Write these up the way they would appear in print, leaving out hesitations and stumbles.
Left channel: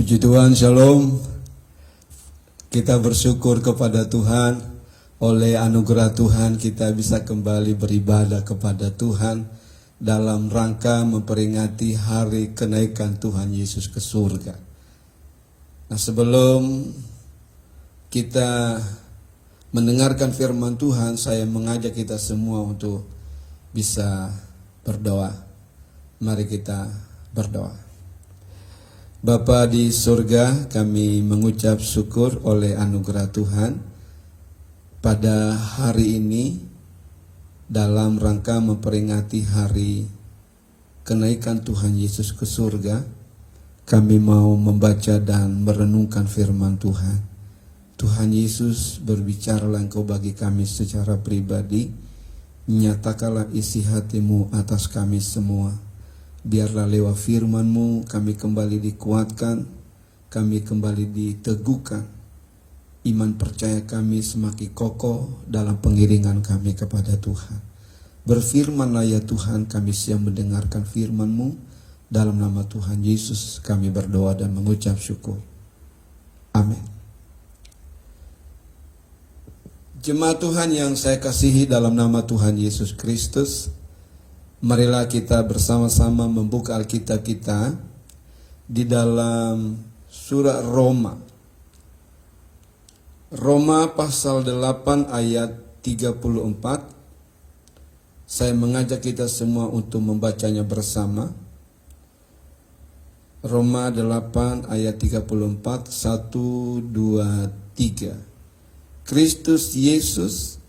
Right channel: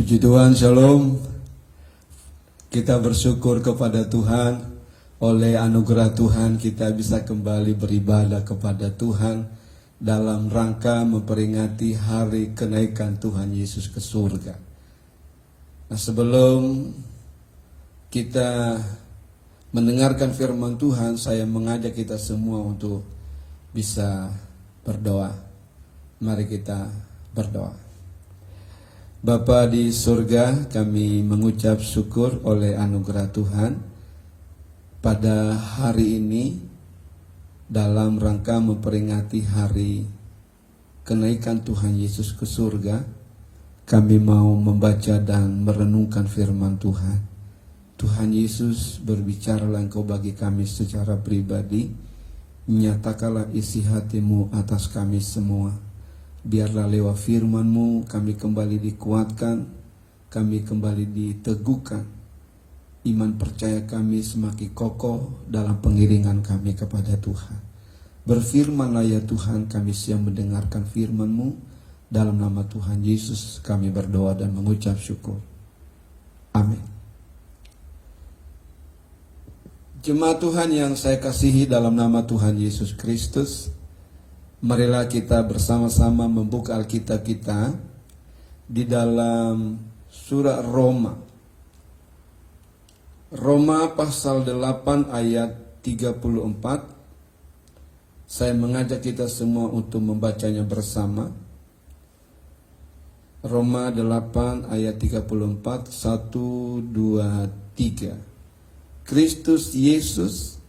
Puji Tuhan, Shalom. Kita bersyukur kepada Tuhan. Oleh anugerah Tuhan kita bisa kembali beribadah kepada Tuhan dalam rangka memperingati hari kenaikan Tuhan Yesus ke surga. Nah, sebelum kita mendengarkan firman Tuhan, saya mengajak kita semua untuk bisa berdoa. Mari kita berdoa. Bapa di surga, kami mengucap syukur oleh anugerah Tuhan pada hari ini dalam rangka memperingati hari kenaikan Tuhan Yesus ke surga. Kami mau membaca dan merenungkan firman Tuhan. Tuhan Yesus, berbicaralah Engkau bagi kami secara pribadi. Nyatakanlah isi hati-Mu atas kami semua. Biarlah lewat firman-Mu kami kembali dikuatkan, kami kembali diteguhkan. Iman percaya kami semakin kokoh dalam pengiringan kami kepada Tuhan. Berfirmanlah ya Tuhan, kami siap mendengarkan firman-Mu. Dalam nama Tuhan Yesus kami berdoa dan mengucap syukur. Amin. Jemaat Tuhan yang saya kasihi dalam nama Tuhan Yesus Kristus, marilah kita bersama-sama membuka Alkitab kita di dalam surat Roma. Roma pasal 8 ayat 34. Saya mengajak kita semua untuk membacanya bersama. Roma 8 ayat 34, 1, 2, 3. Kristus Yesus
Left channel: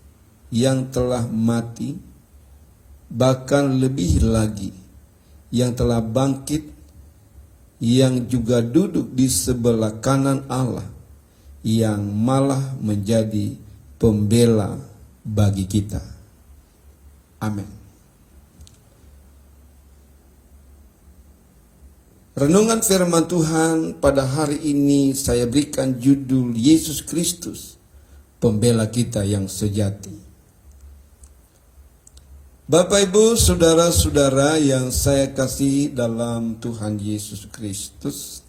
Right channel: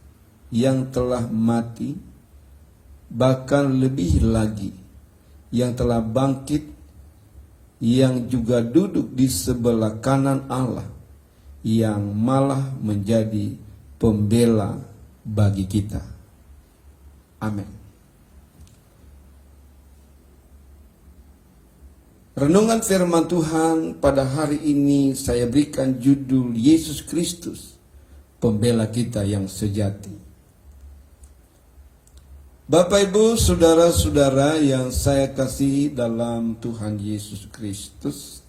yang telah mati, bahkan lebih lagi yang telah bangkit, yang juga duduk di sebelah kanan Allah, yang malah menjadi pembela bagi kita. Amin. Renungan firman Tuhan pada hari ini saya berikan judul Yesus Kristus, pembela kita yang sejati. Bapak, Ibu, saudara-saudara yang saya kasihi dalam Tuhan Yesus Kristus,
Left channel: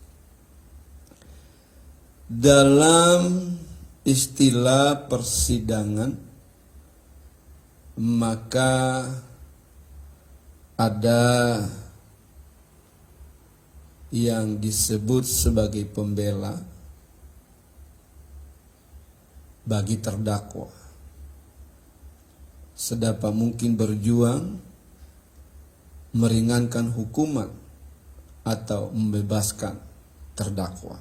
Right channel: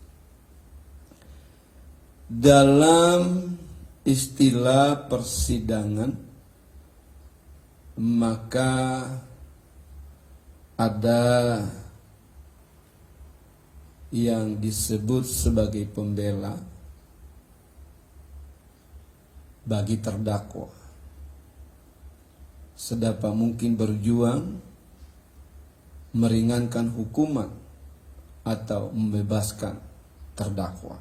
dalam istilah persidangan, maka ada yang disebut sebagai pembela bagi terdakwa. Sedapat mungkin berjuang meringankan hukuman atau membebaskan terdakwa.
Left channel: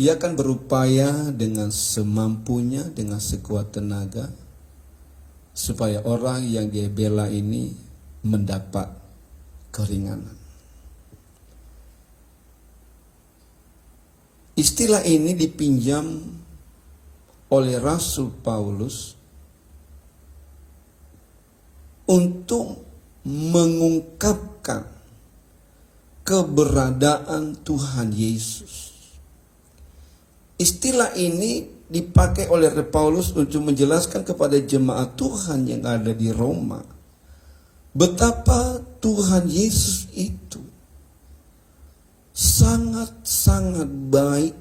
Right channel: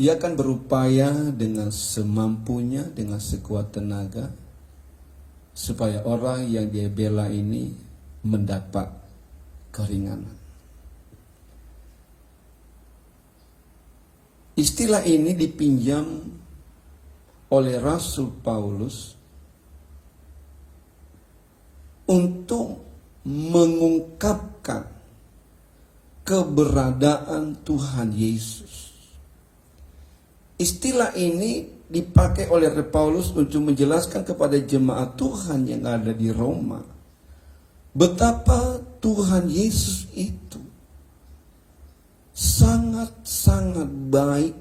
Ia akan berupaya dengan semampunya, dengan sekuat tenaga, supaya orang yang dia bela ini mendapat keringanan. Istilah ini dipinjam oleh Rasul Paulus untuk mengungkapkan keberadaan Tuhan Yesus. Istilah ini dipakai oleh Paulus untuk menjelaskan kepada jemaat Tuhan yang ada di Roma betapa Tuhan Yesus itu sangat-sangat baik,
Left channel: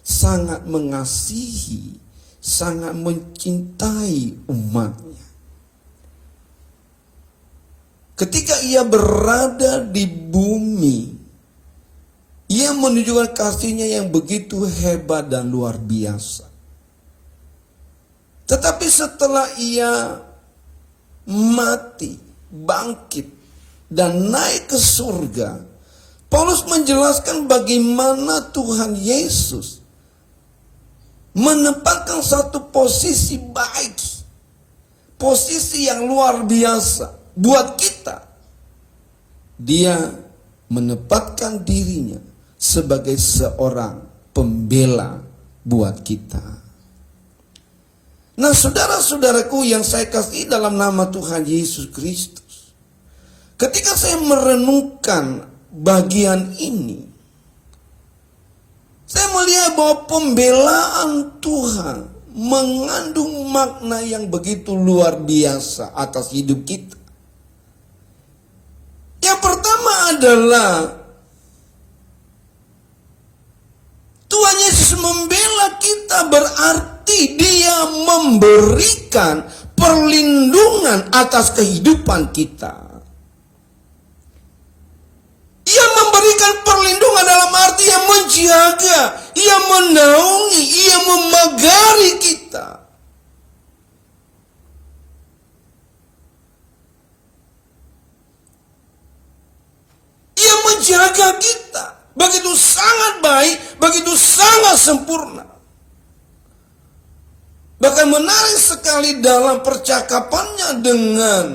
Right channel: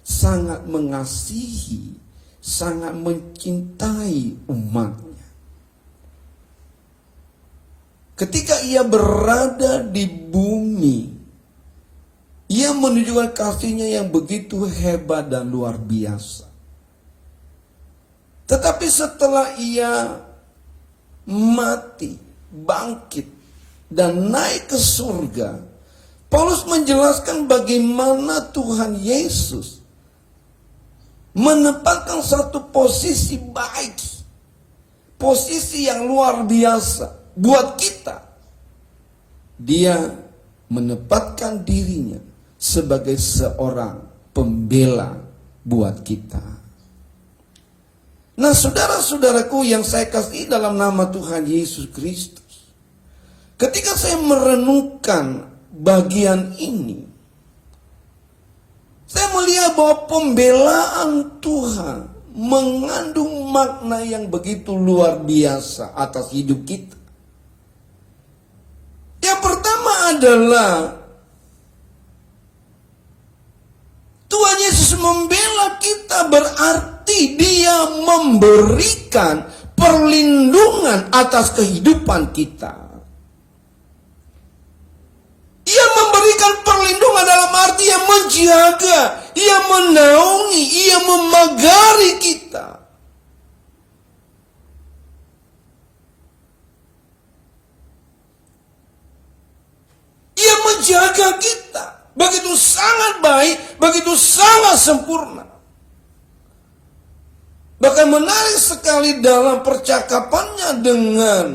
sangat mengasihi, sangat mencintai umatnya. Ketika ia berada di bumi, ia menunjukkan kasihnya yang begitu hebat dan luar biasa. Tetapi setelah ia mati, bangkit, dan naik ke surga, Paulus menjelaskan bagaimana Tuhan Yesus menempatkan satu posisi baik, posisi yang luar biasa buat kita. Dia menempatkan dirinya sebagai seorang pembela buat kita. Nah, saudara-saudaraku yang saya kasih dalam nama Tuhan Yesus Kristus, ketika saya merenungkan bagian ini, saya melihat bahwa pembelaan Tuhan mengandung makna yang begitu luar biasa atas hidup kita. Yang pertama adalah membela kita berarti dia memberikan perlindungan atas kehidupan kita. Ia memberikan perlindungan dalam arti ia menjaga, ia menaungi, ia memagari kita. Ia menjaga kita. Begitu sangat baik, begitu sangat sempurna. Bahkan menarik sekali dalam percakapannya dengan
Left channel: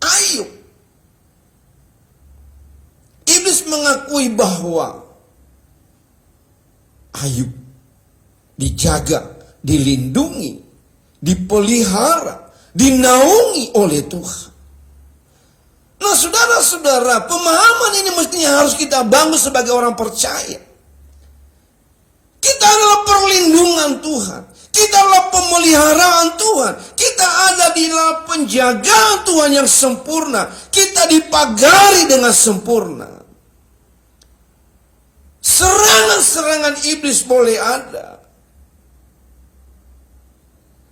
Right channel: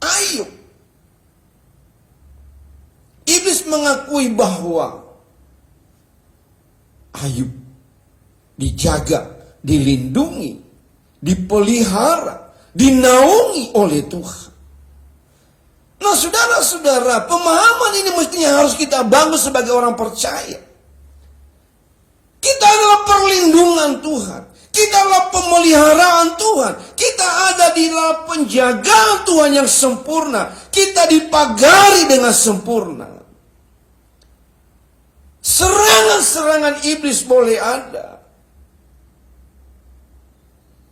Ayub. Iblis mengakui bahwa Ayub dijaga, dilindungi, dipelihara, dinaungi oleh Tuhan. Nah saudara-saudara, pemahaman ini mestinya harus kita bangun sebagai orang percaya. Kita adalah perlindungan Tuhan. Kita adalah pemeliharaan Tuhan. Kita ada di dalam penjagaan Tuhan yang sempurna. Kita dipagari dengan sempurna. Serangan-serangan iblis boleh ada.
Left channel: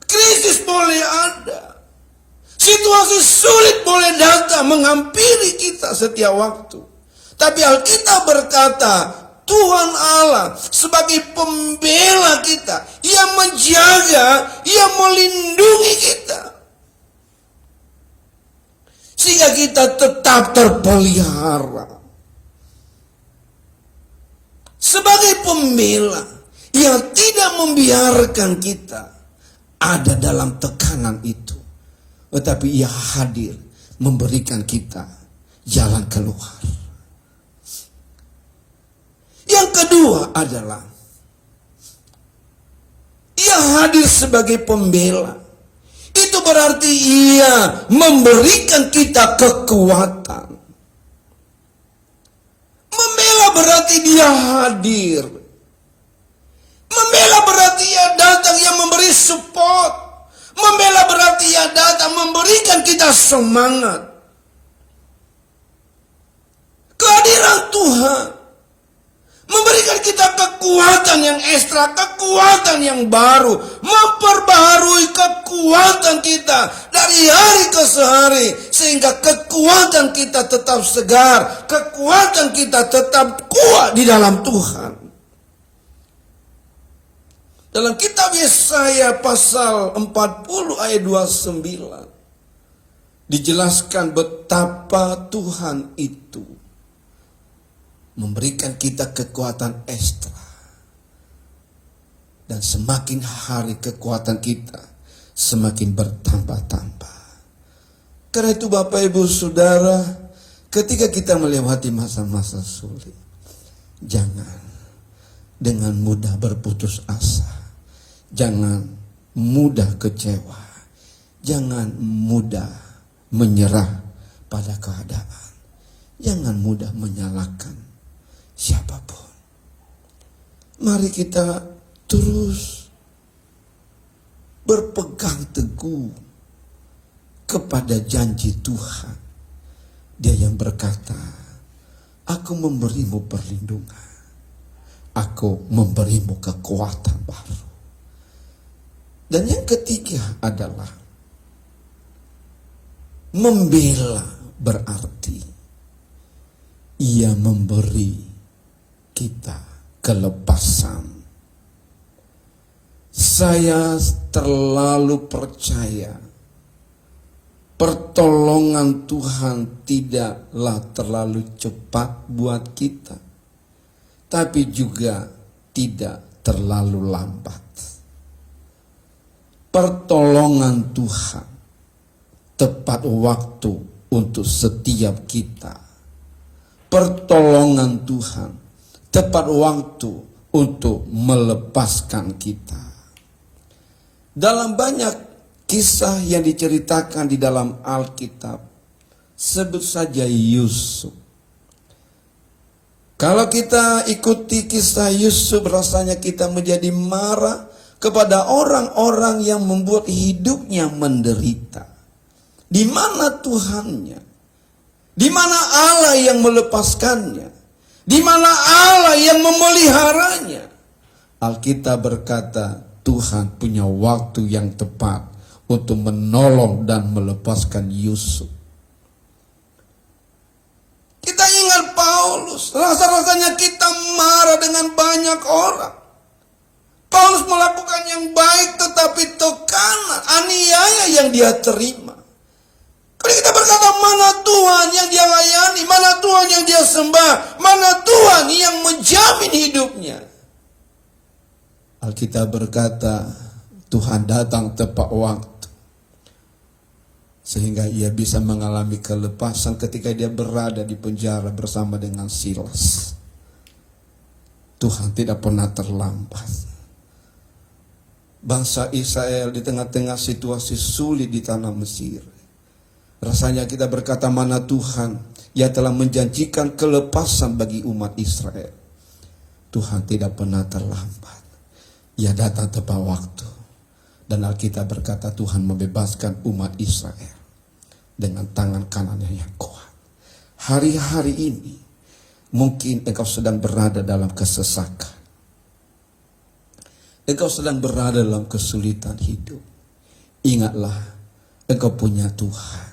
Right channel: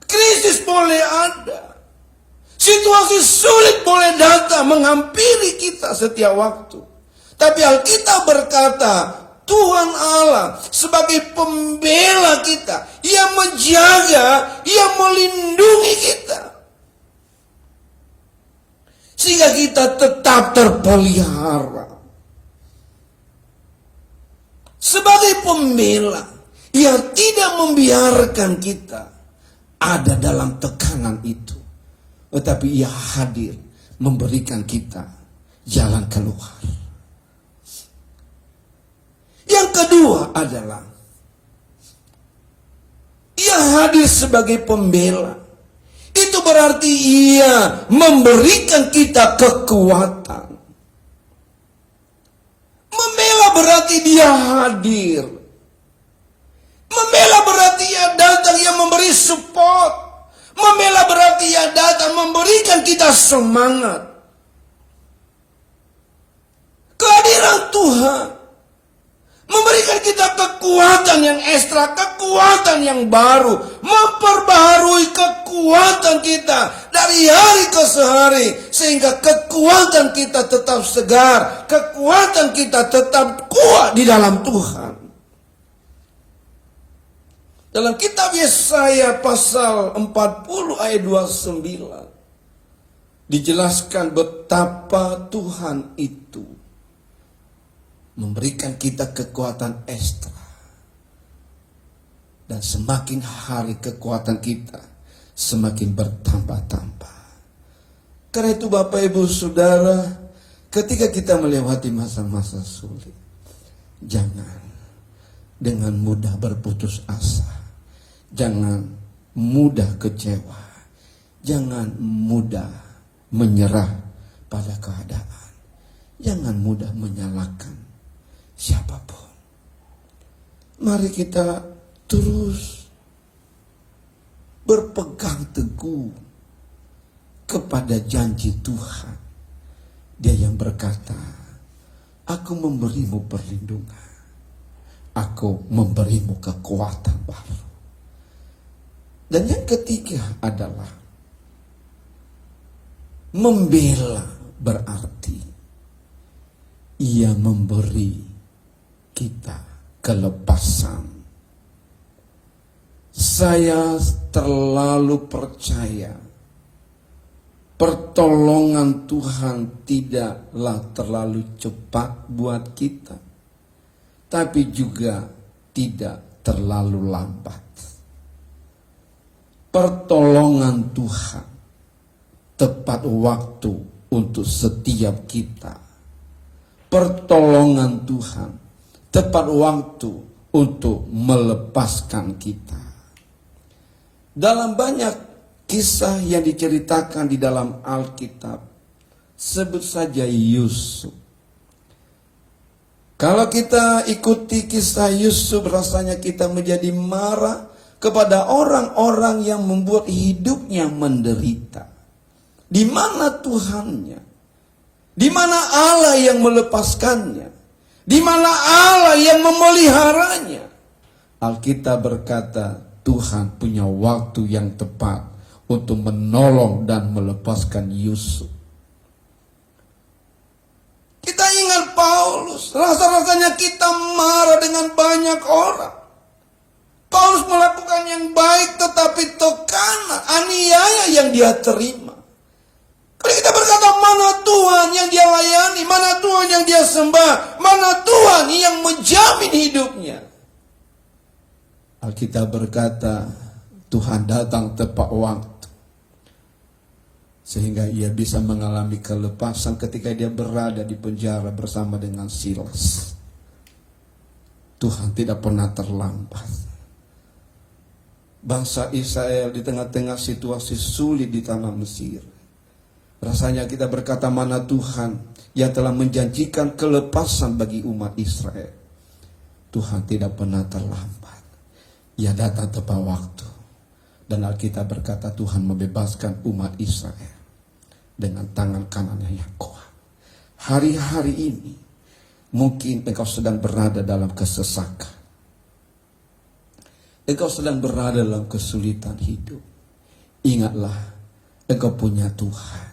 Krisis boleh ada. Situasi sulit boleh datang menghampiri kita setiap waktu. Tapi Alkitab berkata, Tuhan Allah sebagai pembela kita, Ia menjaga, Ia melindungi kita. Sehingga kita tetap terpelihara. Sebagai pembela, Ia tidak membiarkan kita ada dalam tekanan itu. Tetapi Ia hadir memberikan kita jalan keluar. Yang kedua adalah Ia hadir sebagai pembela. Itu berarti Ia memberikan kita kekuatan. Membela berarti Dia hadir. Membela berarti Ia datang, Ia memberi support. Membela berarti Ia datang memberikan kita semangat. Kehadiran Tuhan memberikan kita kekuatan yang ekstra, kekuatan yang baru, memperbaharui kekuatan kita dari hari ke hari, sehingga kekuatan kita tetap segar, kekuatan kita tetap kuat di dalam Tuhan. Dalam kitab Yesaya pasal 40 ayat 29 dijelaskan betapa Tuhan itu memberikan kita kekuatan ekstra. Dan semakin hari kekuatan kita semakin bertambah-tambah. Karena itu Bapak Ibu Saudara, ketika kita melewati masa-masa sulit, jangan dengan mudah berputus asa. Jangan mudah kecewa. Jangan mudah menyerah pada keadaan. Jangan mudah menyalahkan siapapun. Mari kita terus berpegang teguh kepada janji Tuhan. Dia yang berkata, aku memberimu perlindungan. Aku memberimu kekuatan baru. Dan yang ketiga adalah membela berarti Ia memberi kita kelepasan. Saya terlalu percaya pertolongan Tuhan tidaklah terlalu cepat buat kita, tapi juga tidak terlalu lambat. Pertolongan Tuhan tepat waktu untuk setiap kita. Pertolongan Tuhan tepat waktu untuk melepaskan kita. Dalam banyak kisah yang diceritakan di dalam Alkitab, sebut saja Yusuf. Kalau kita ikuti kisah Yusuf, rasanya kita menjadi marah kepada orang-orang yang membuat hidupnya menderita. Di mana Tuhannya? Di mana Allah yang melepaskannya? Di mana Allah yang memeliharanya? Alkitab berkata, Tuhan punya waktu yang tepat untuk menolong dan melepaskan Yusuf. Kita ingat Paulus, rasa-rasanya kita marah dengan banyak orang. Paulus melakukan yang baik, tetapi tekanan, aniaya yang dia terima. Kalau kita berkata, mana Tuhan yang dia layani, mana Tuhan yang dia sembah, mana Tuhan yang menjamin hidupnya. Alkitab berkata, Tuhan datang tepat waktu, sehingga ia bisa mengalami kelepasan ketika dia berada di penjara bersama dengan Silas. Tuhan tidak pernah terlambat. Bangsa Israel di tengah-tengah situasi sulit di tanah Mesir, rasanya kita berkata, mana Tuhan yang telah menjanjikan kelepasan bagi umat Israel. Tuhan tidak pernah terlambat. Ia datang tepat waktu. Dan Alkitab berkata, Tuhan membebaskan umat Israel dengan tangan kanannya yang kuat. Hari-hari ini mungkin engkau sedang berada dalam kesesakan. Engkau sedang berada dalam kesulitan hidup. Ingatlah, engkau punya Tuhan.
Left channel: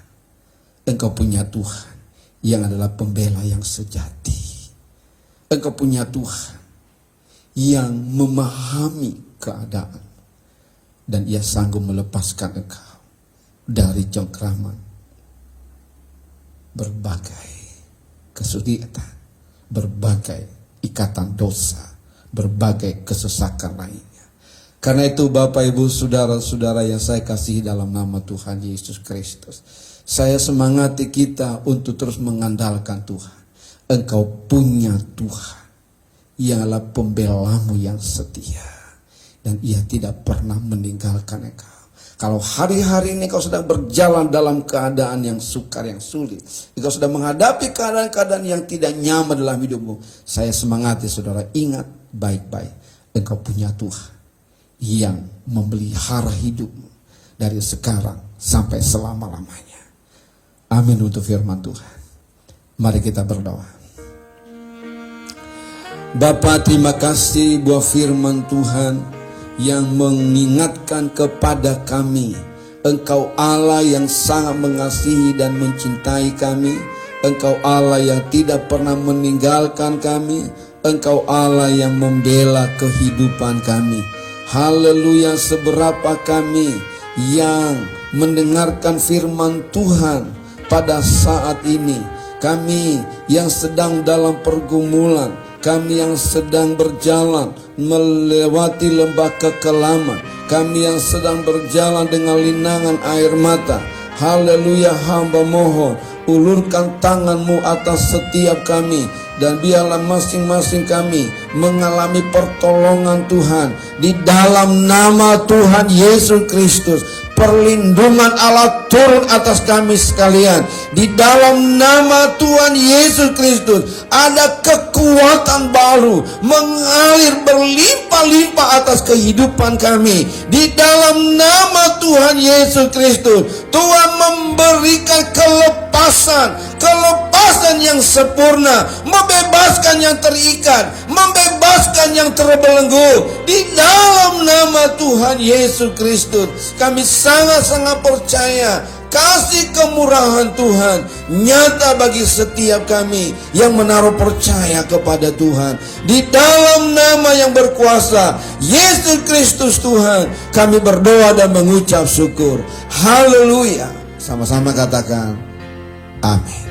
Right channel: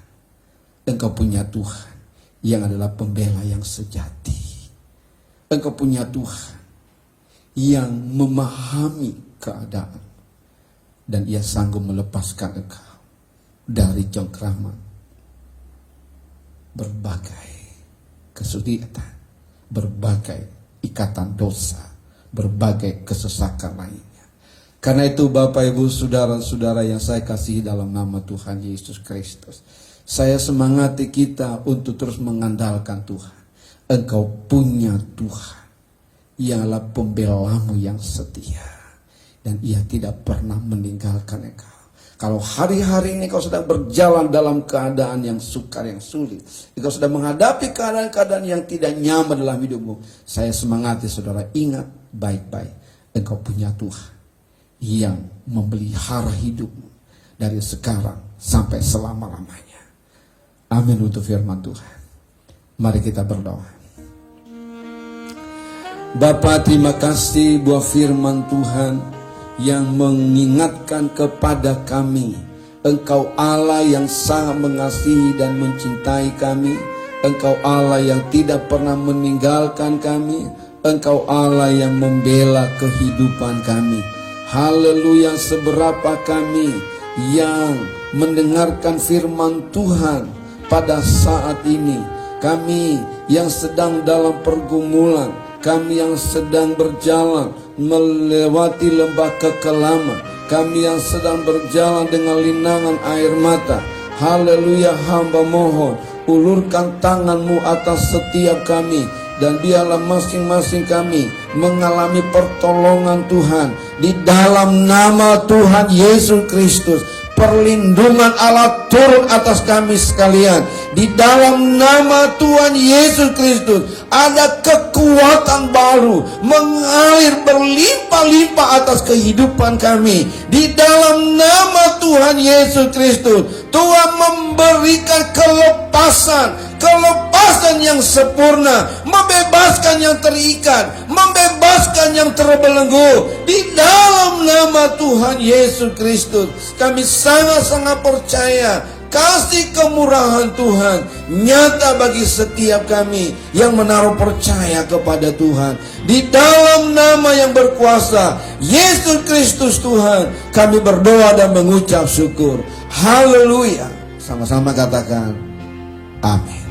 Engkau punya Tuhan yang adalah pembela yang sejati. Engkau punya Tuhan yang memahami keadaan. Dan ia sanggup melepaskan engkau dari cengkraman berbagai kesulitan, berbagai ikatan dosa, berbagai kesesakan lainnya. Karena itu Bapak Ibu Saudara-saudara yang saya kasihi dalam nama Tuhan Yesus Kristus, saya semangati kita untuk terus mengandalkan Tuhan. Engkau punya Tuhan yang adalah pembelamu yang setia, dan ia tidak pernah meninggalkan engkau. Kalau hari-hari ini kau sedang berjalan dalam keadaan yang sukar, yang sulit, engkau sedang menghadapi keadaan-keadaan yang tidak nyaman dalam hidupmu, saya semangati saudara, ingat baik-baik, engkau punya Tuhan yang memelihara hidupmu dari sekarang sampai selama-lamanya. Amin untuk firman Tuhan. Mari kita berdoa. Bapa, terima kasih buat firman Tuhan yang mengingatkan kepada kami, Engkau Allah yang sangat mengasihi dan mencintai kami. Engkau Allah yang tidak pernah meninggalkan kami. Engkau Allah yang membela kehidupan kami. Haleluya, seberapa kami yang mendengarkan firman Tuhan pada saat ini, kami yang sedang dalam pergumulan, kami yang sedang berjalan melewati lembah kekelaman, kami yang sedang berjalan dengan linangan air mata. Haleluya, hamba mohon, ulurkan tangan-Mu atas setiap kami, dan biarlah masing-masing kami mengalami pertolongan Tuhan di dalam nama Tuhan Yesus Kristus. Perlindungan Allah turun atas kami sekalian di dalam nama Tuhan Yesus Kristus. Ada kekuatan baru mengalir berlimpah-limpah atas kehidupan kami di dalam nama Tuhan Yesus Kristus. Tuhan memberikan kelepasan yang sempurna, membebaskan yang terikat, membebaskan yang terbelenggu di dalam nama Tuhan Yesus Kristus. Kami sangat-sangat percaya kasih kemurahan Tuhan nyata bagi setiap kami yang menaruh percaya kepada Tuhan. Di dalam nama yang berkuasa Yesus Kristus Tuhan, kami berdoa dan mengucap syukur. Haleluya. Sama-sama katakan amin.